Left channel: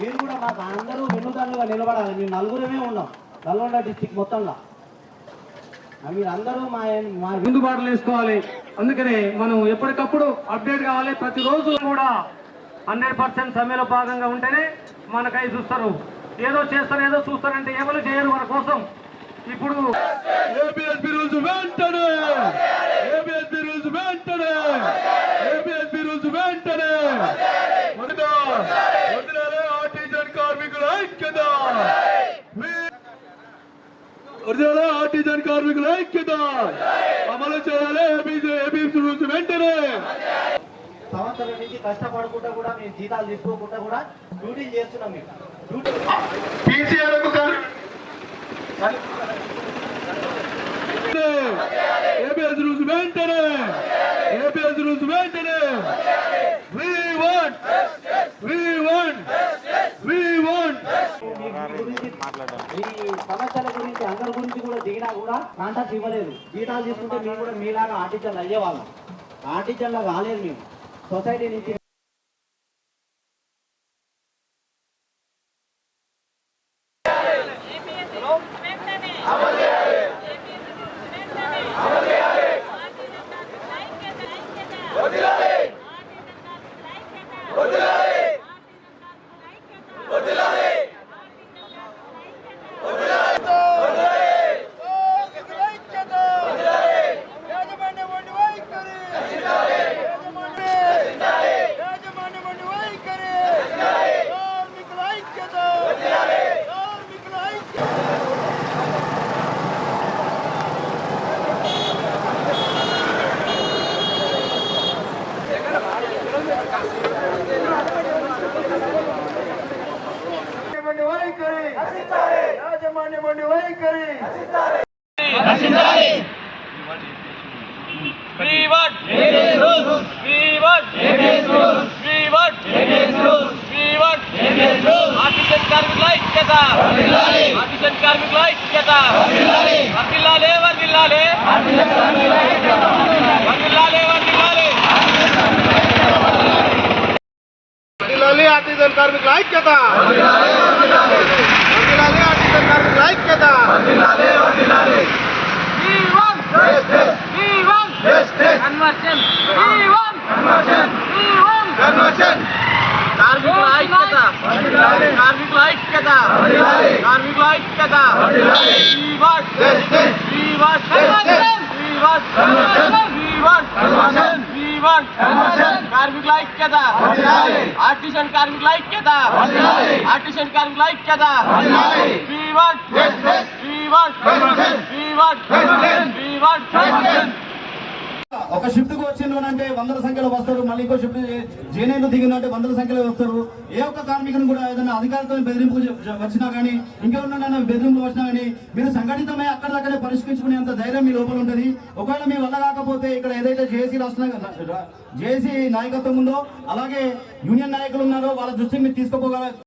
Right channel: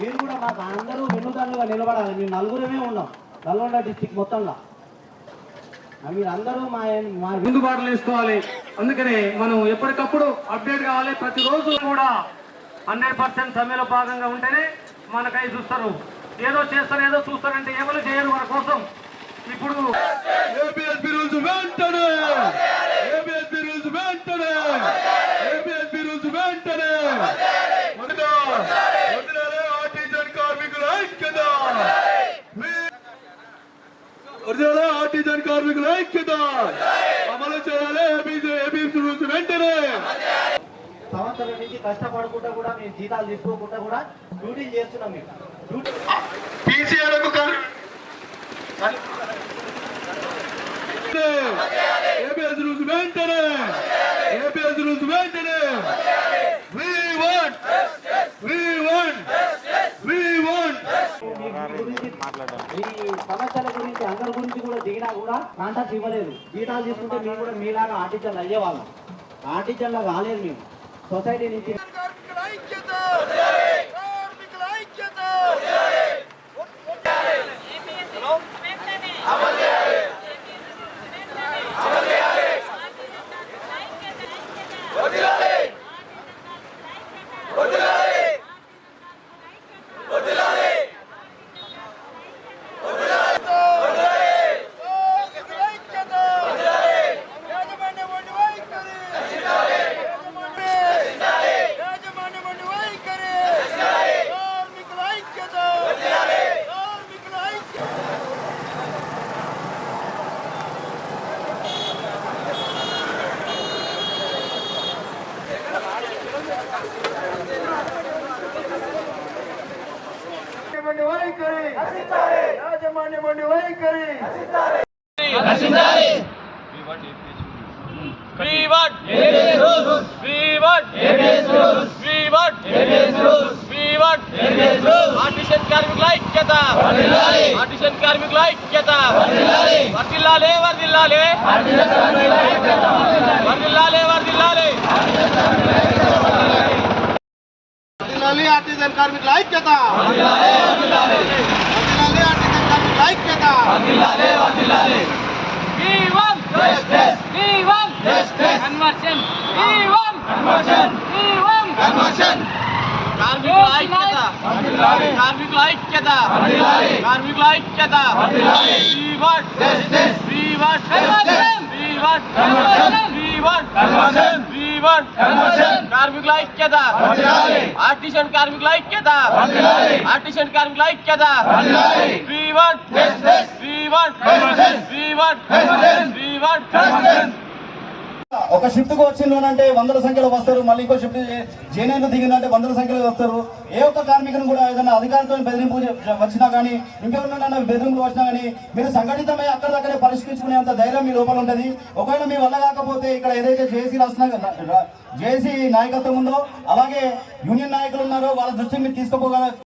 మీరు కూడా మాకు అందరూ వెన్నుదన్నుగా నిలబడాలి. మేము నలుగురమే ఉన్నాం నల్గొండ డిస్టిక్ మొత్తంలో. మీరు అందరూ మా ముందుబాటులో వేసుకోవాలి. అందుకనే మనం ఎప్పటికప్పుడు అప్డేట్ కావాలి. ప్రతిరోజు కూడా 100% సమ్మెలో భాగంగా ఉంటేనే మనకై చూస్తారు. ఏదో చేస్తారు ఏదో చూస్తారంటే ఎవరు చేయరు మన కోసం. ఇప్పుడు ఏపీఎస్పీ రూల్స్ వెంటనే, ఏపీఎస్పీ రూల్స్ వెంటనే, ఏపీఎస్పీ రూల్స్ వెంటనే వదిలాలి. ఆర్టిజన్ కార్మికుల ఐక్యత, వదిలాలి. ఆర్టిజన్ కార్మికుల ఐక్యత అమలు చేయాలి. ఏపీఎస్పీ రూల్స్ వెంటనే. సంవత్సరం నుంచి కష్టపడకుండా కూడా మేము జీతాలు తీసుకోకుండా కూడా డ్యూటీలు చేస్తున్నాం. మేము డ్యూటీ ఏపీఎస్ రూల్స్ వెంటనే, ఏపీఎస్ రూల్స్ వెంటనే. We want ఈ సమస్యల గురించి అందరి గురించి కూడా దిగినా కూడా కాంటాక్ట్ ఇవ్వలేదు. జీతాలు తీసుకుంటే మేము కూడా మీలాగా ఆర్టిజన్లు అయ్యేవాళ్ళం. ఆర్టిజన్లో కాలేదు. మేము సొసైటీ నుంచి ఆర్టిజన్ కార్మికుల ఐక్యత, ఆర్టిజన్ కార్మికుల ఐక్యత. కార్మికుల ఐక్యత, కార్మికుల ఐక్యత, కార్మికుల ఐక్యత. కార్మికుల ఐక్యత, ఆర్టిజన్ కార్మికుల ఐక్యత, ఆర్టిజన్ కార్మికుల ఐక్యత. ఒక షిఫ్ట్ కు వచ్చిందంటే వందల సంఖ్యలో వస్తారు. మళ్ళీ ఇంకో షిఫ్ట్ జేనైలు దిగిందంటే వందల సంఖ్యలో వస్తారు. ఏ ఒక్క కార్మికుని కూడా ఏదైనా అధికారులతో బెదిరింపు వచ్చినా కానీ ఇంకెవరినైనా బెదిరింపులు వచ్చినా కానీ మీరు సంఘటితమై అక్కడిదక్కడే పరిష్కరించుకునేంత ధైర్యం మీ లోపల ఉంటుంది. ఒకవేళ మీ వల్ల కాకపోతే ఇక్కడ ఏదైతే జేఏసీ నాయకత్వం ఉందో అలాగే యూనియన్ నాయకులు ఉన్నారో వాళ్ళ దృష్టికి మీరు తీసుకుపోగల